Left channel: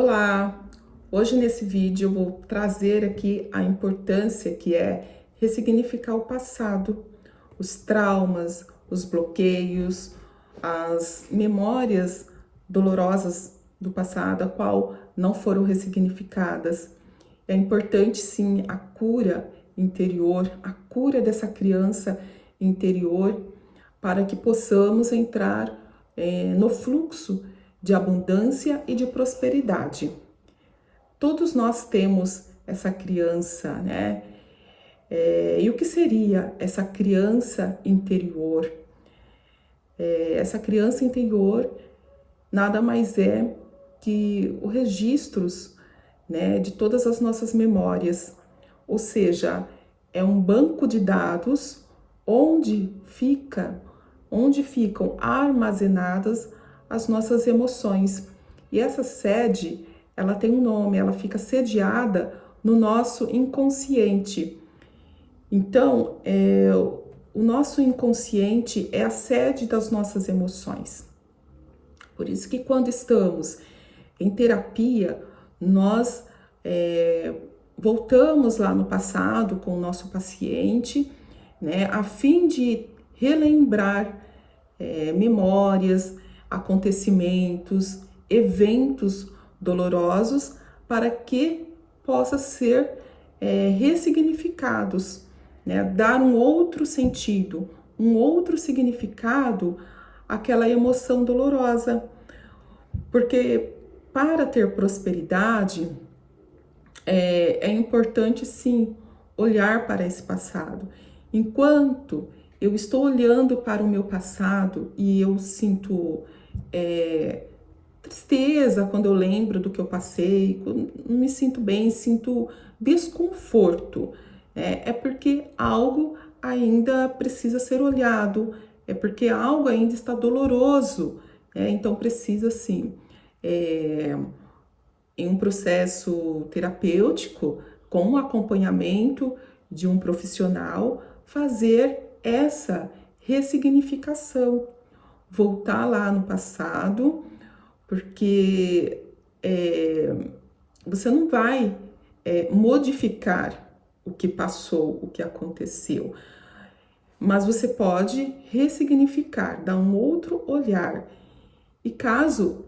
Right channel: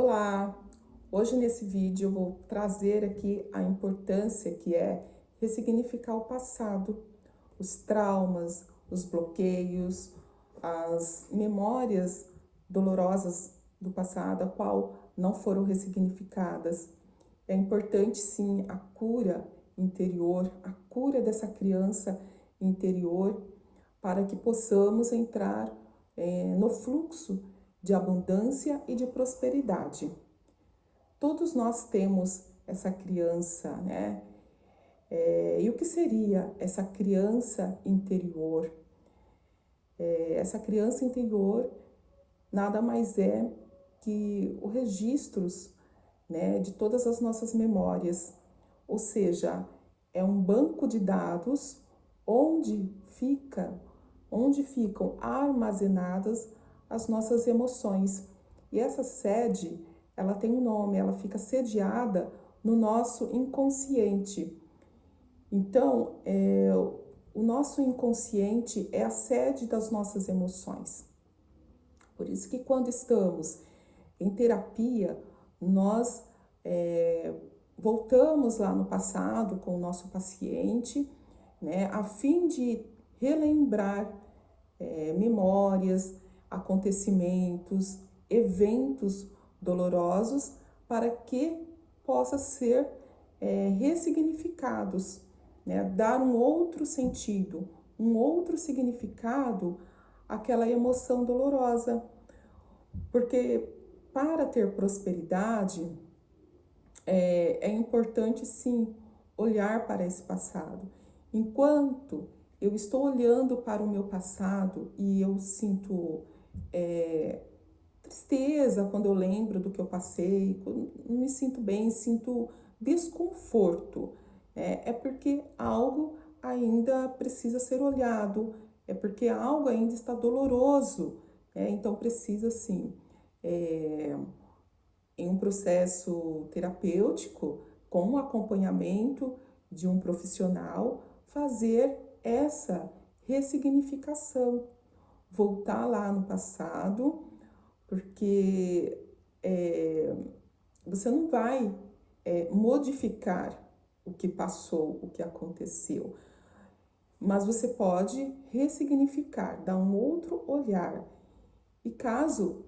Olá! Hoje nesse vídeo eu vou trazer aqui a importância que é ressignificar o passado, os traumas, os bloqueios, as memórias dolorosas do passado, a qual não foram ressignificadas. É importante sim a cura interior, a cura dessa criança interior, para que possamos entrar no fluxo de abundância e de prosperidade. Todos nós temos essa criança, né? E o que seria essa criança interior? Essa criança interior nada mais é que os registros, né, de todas as nossas memórias, ou seja, é um banco de dados onde ficam armazenadas as nossas emoções. E essa sede, ela tem um nome, ela fica sediada no nosso inconsciente. Então, o nosso inconsciente é a sede das nossas emoções. Por isso que quando estamos em terapia, nós voltamos lá no passado com o nosso paciente, né, a fim de relembrar memórias, acontecimentos, eventos dolorosos para que possa ser ressignificados, né, dar um outro sentido, um outro significado àquela emoção dolorosa. Porque para ter prosperidade, é importante sim olhar para esse passado. Enquanto eu estou olhando para o meu passado e eu sinto tristeza quando eu lembro do que eu passei, não me sinto bem, sinto desconforto, é porque algo ainda precisa ser olhado, é porque algo ainda está doloroso, então precisa sim, em um processo terapêutico, com o acompanhamento de um profissional, fazer essa ressignificação, voltar lá no passado, porque você não vai modificar o que passou, o que aconteceu, mas você pode ressignificar, dar um outro olhar. E caso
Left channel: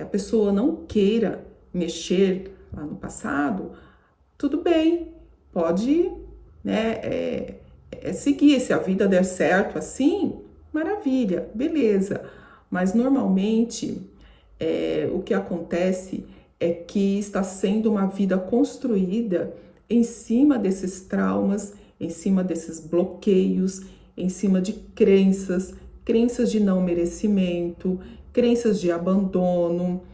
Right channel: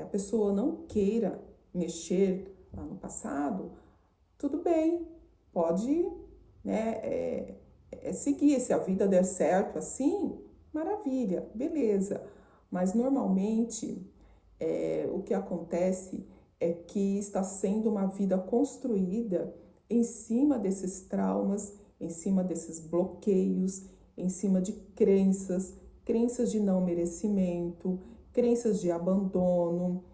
a pessoa não queira mexer lá no passado, tudo bem, pode, né, seguir. Se a vida der certo assim, maravilha, beleza. Mas normalmente o que acontece é que está sendo uma vida construída em cima desses traumas, em cima desses bloqueios, em cima de crenças de não merecimento, crenças de abandono.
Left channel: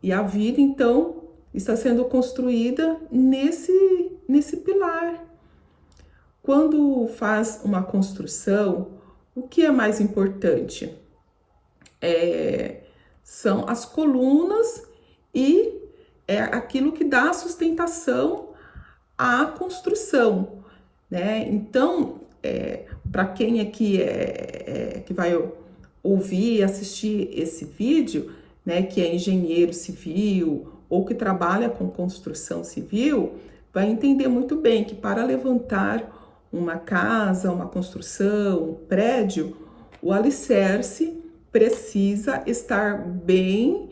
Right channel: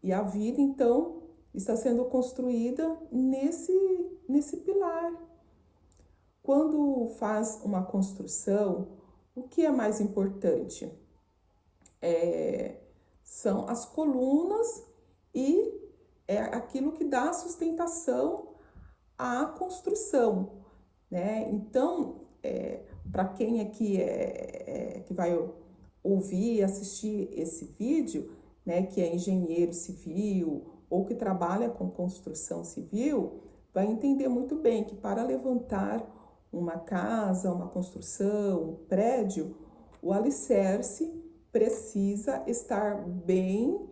E a vida, então, está sendo construída nesse pilar. Quando faz uma construção, o que é mais importante? São as colunas e aquilo que dá sustentação à construção, né? Então, para quem aqui que vai ouvir e assistir esse vídeo, né, que é engenheiro civil ou que trabalha com construção civil, vai entender muito bem que para levantar uma casa, uma construção, um prédio, o alicerce precisa estar bem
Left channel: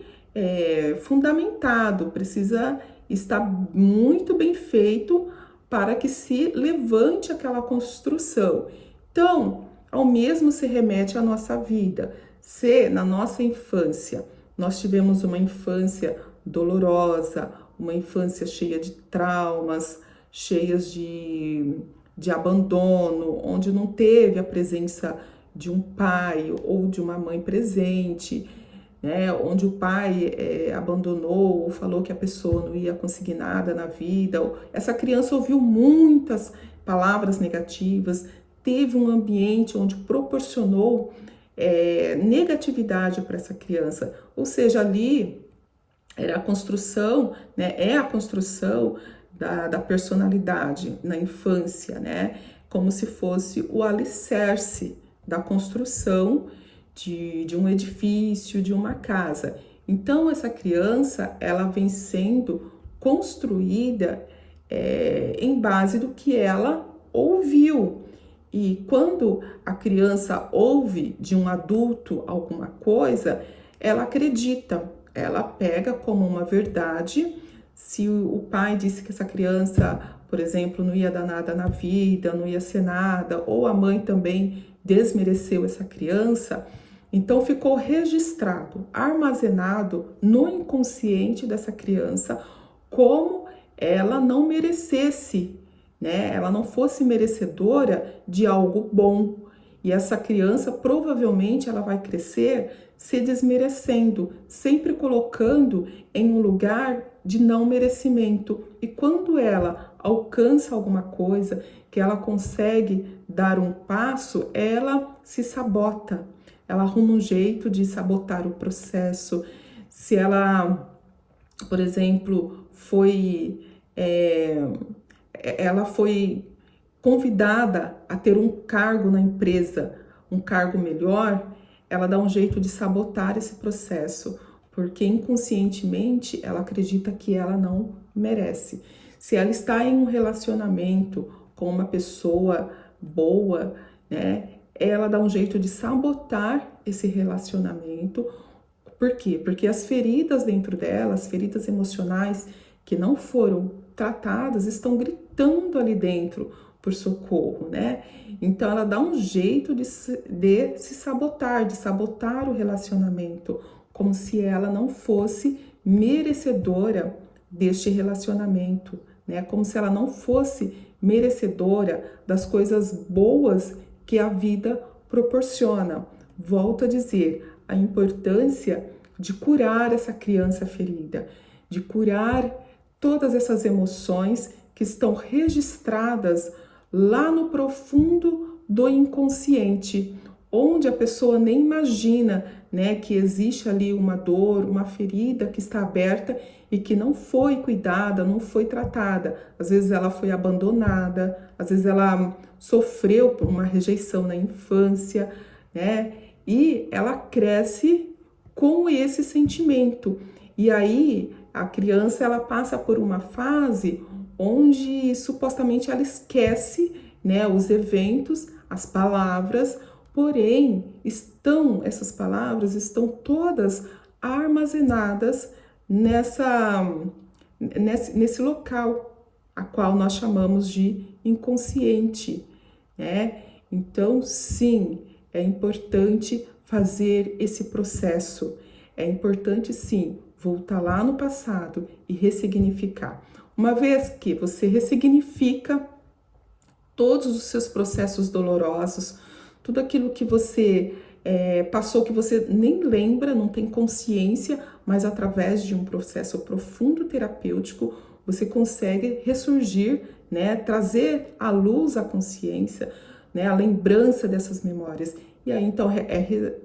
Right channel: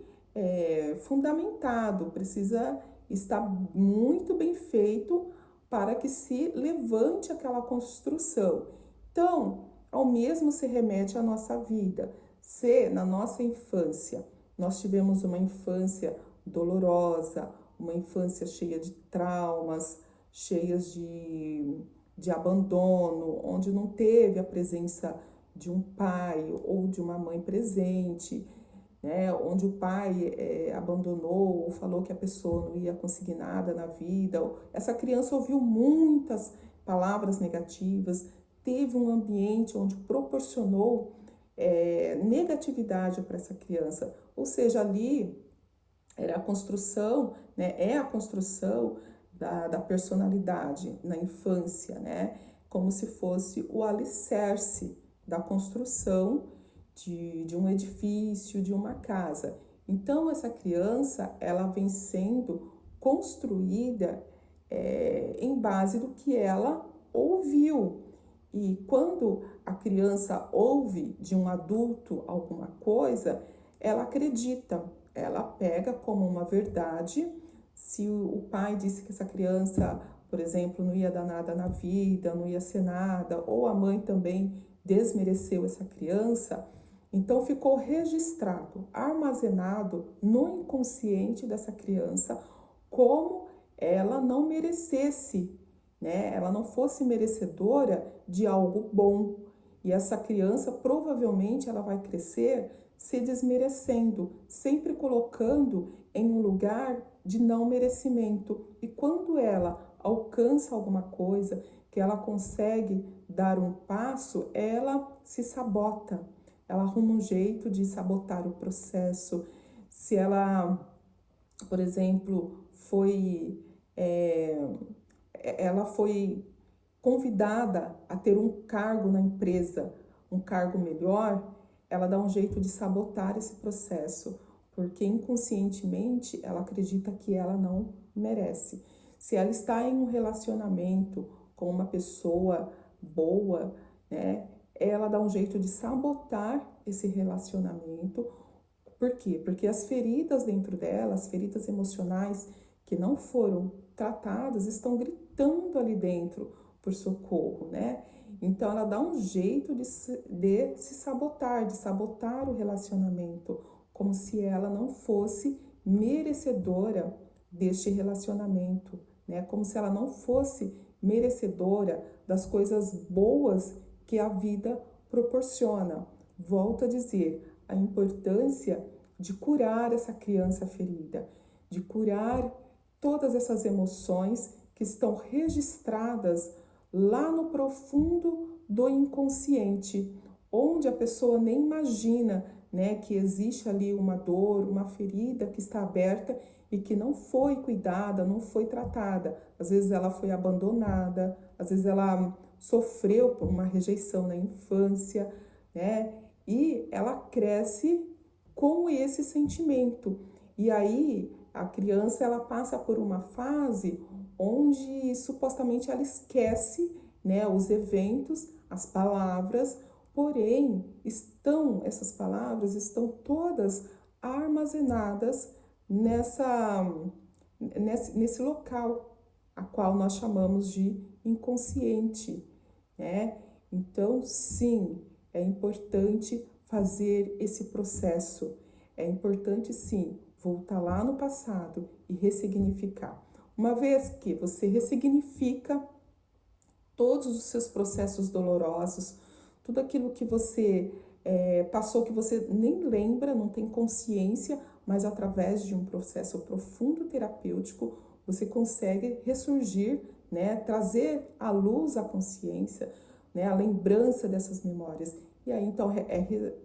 fundamentado, precisa estar muito bem feito para que se levante aquela construção. Então, ao mesmo se remete à nossa vida. Se na nossa infância nós tivemos uma infância dolorosa, uma infância cheia de traumas, cheias de abandono, onde não teve a presença de um pai ou de uma mãe presente, né, onde o pai abandonou ou falou que a pessoa não ia conseguir nada na vida, essa criança ouviu muitas palavras negativas, teve um ambiente onde proporcionou negatividade para essa criança, ou seja, ali era a construção, né, é a construção da personalidade na infância, né, como se fosse o alicerce da construção de um edifício, de uma casa. Então, essa criança, ela vem sendo construída em base do que ela ouviu. E quando a criança ouve de um adulto alguma coisa, ela acredita, ela pega como uma verdade. Se o pai disse que essa criança, por exemplo, não ia dar nada na vida, não ia ser nada, ou a mãe também desmereceu essa criança, então ficou registrado, armazenado no inconsciente dessa criança como ela não merecesse, né? Ela não fosse merecedora de algo bom. E essa criança provavelmente ela vai crescer se desmerecendo, sempre colocando em um lugar de não merecimento. E quando ela alcança alguma coisa, que ela consegue dar um passo, ela se sabota. Ela arruma um jeito de sabotar o processo. Se ela, por exemplo, ela foi convidada a ter um cargo na empresa, um cargo melhor, ela dá um jeito de sabotar esse processo, porque inconscientemente ela acredita que ela não merece. Se ela está em um relacionamento com uma pessoa boa, né, ela dá um jeito de sabotar esse relacionamento. Por quê? Porque as feridas dentro dela, as feridas emocionais que não foram tratadas, estão gritando ali dentro por socorro, né? Então ela dá um jeito de se sabotar, de sabotar o relacionamento, como se ela não fosse merecedora deste relacionamento, né? Como se ela não fosse merecedora das coisas boas que a vida proporciona. Volto a dizer, a importância de curar essa criança ferida, de curar todas essas emoções que estão registradas lá no profundo do inconsciente, onde a pessoa nem imagina, né, que existe ali uma dor, uma ferida que está aberta e que não foi cuidada, não foi tratada. Às vezes ela foi abandonada, às vezes ela sofreu por uma rejeição na infância, né? E ela cresce com esse sentimento. E aí a criança ela passa por uma fase onde supostamente ela esquece, né, os eventos, as palavras, porém essas palavras estão todas armazenadas nesse local, a qual nós chamamos de inconsciente, né? Então, sim, é importante fazer esse processo. É importante, sim, voltar lá no passado e ressignificar. Uma vez que você ressignifica todos os seus processos dolorosos, tudo aquilo que você passou que você nem lembra, não tem consciência, mas através de um processo profundo terapêutico, você consegue ressurgir, né, trazer à luz a consciência, né, a lembrança dessas memórias. E aí, então,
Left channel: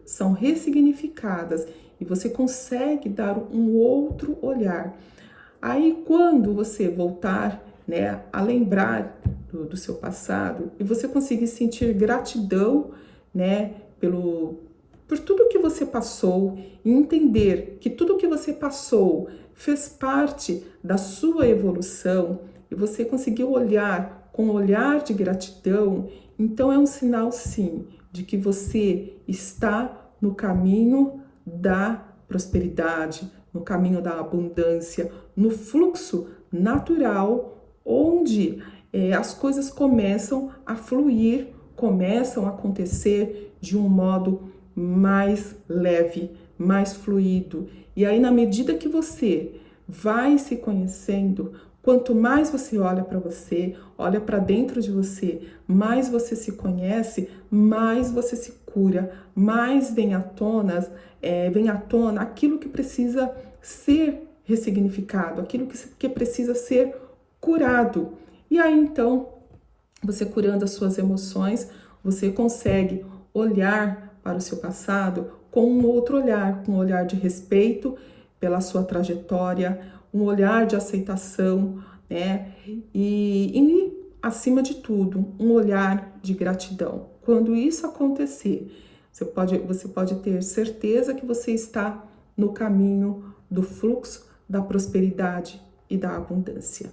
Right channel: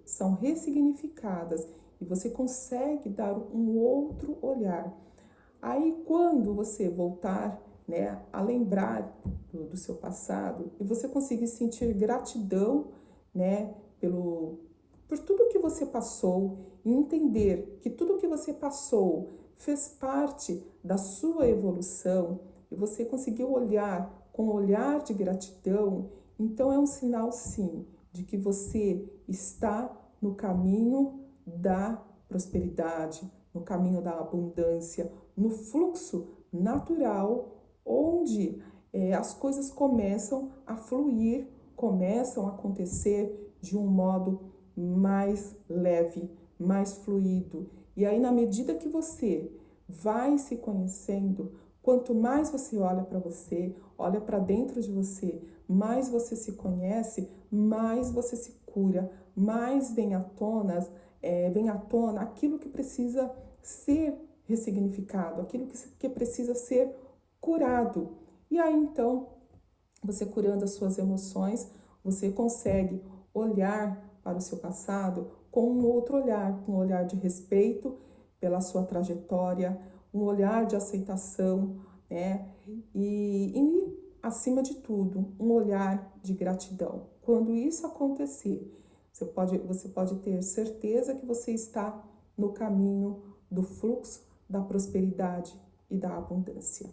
são ressignificadas e você consegue dar um outro olhar. Aí, quando você voltar, né, a lembrar do seu passado e você conseguir sentir gratidão, né, por tudo que você passou e entender que tudo que você passou fez parte da sua evolução e você conseguiu olhar com um olhar de gratidão, então é um sinal, sim, de que você está no caminho da prosperidade, no caminho da abundância, no fluxo natural, onde as coisas começam a fluir, começam a acontecer de um modo mais leve, mais fluido. E aí, na medida que você vai se conhecendo, quanto mais você olha para você, olha para dentro de você, mais você se conhece, mais você se cura, mais vem à tona aquilo que precisa ser ressignificado, aquilo que precisa ser curado. E aí, então, você curando as suas emoções, você consegue olhar para o seu passado com um outro olhar, com um olhar de respeito pela sua trajetória, um olhar de aceitação, né? E acima de tudo, um olhar de gratidão. Quando isso acontecer, Você pode ter certeza que você está no caminho do fluxo, da prosperidade e da abundância.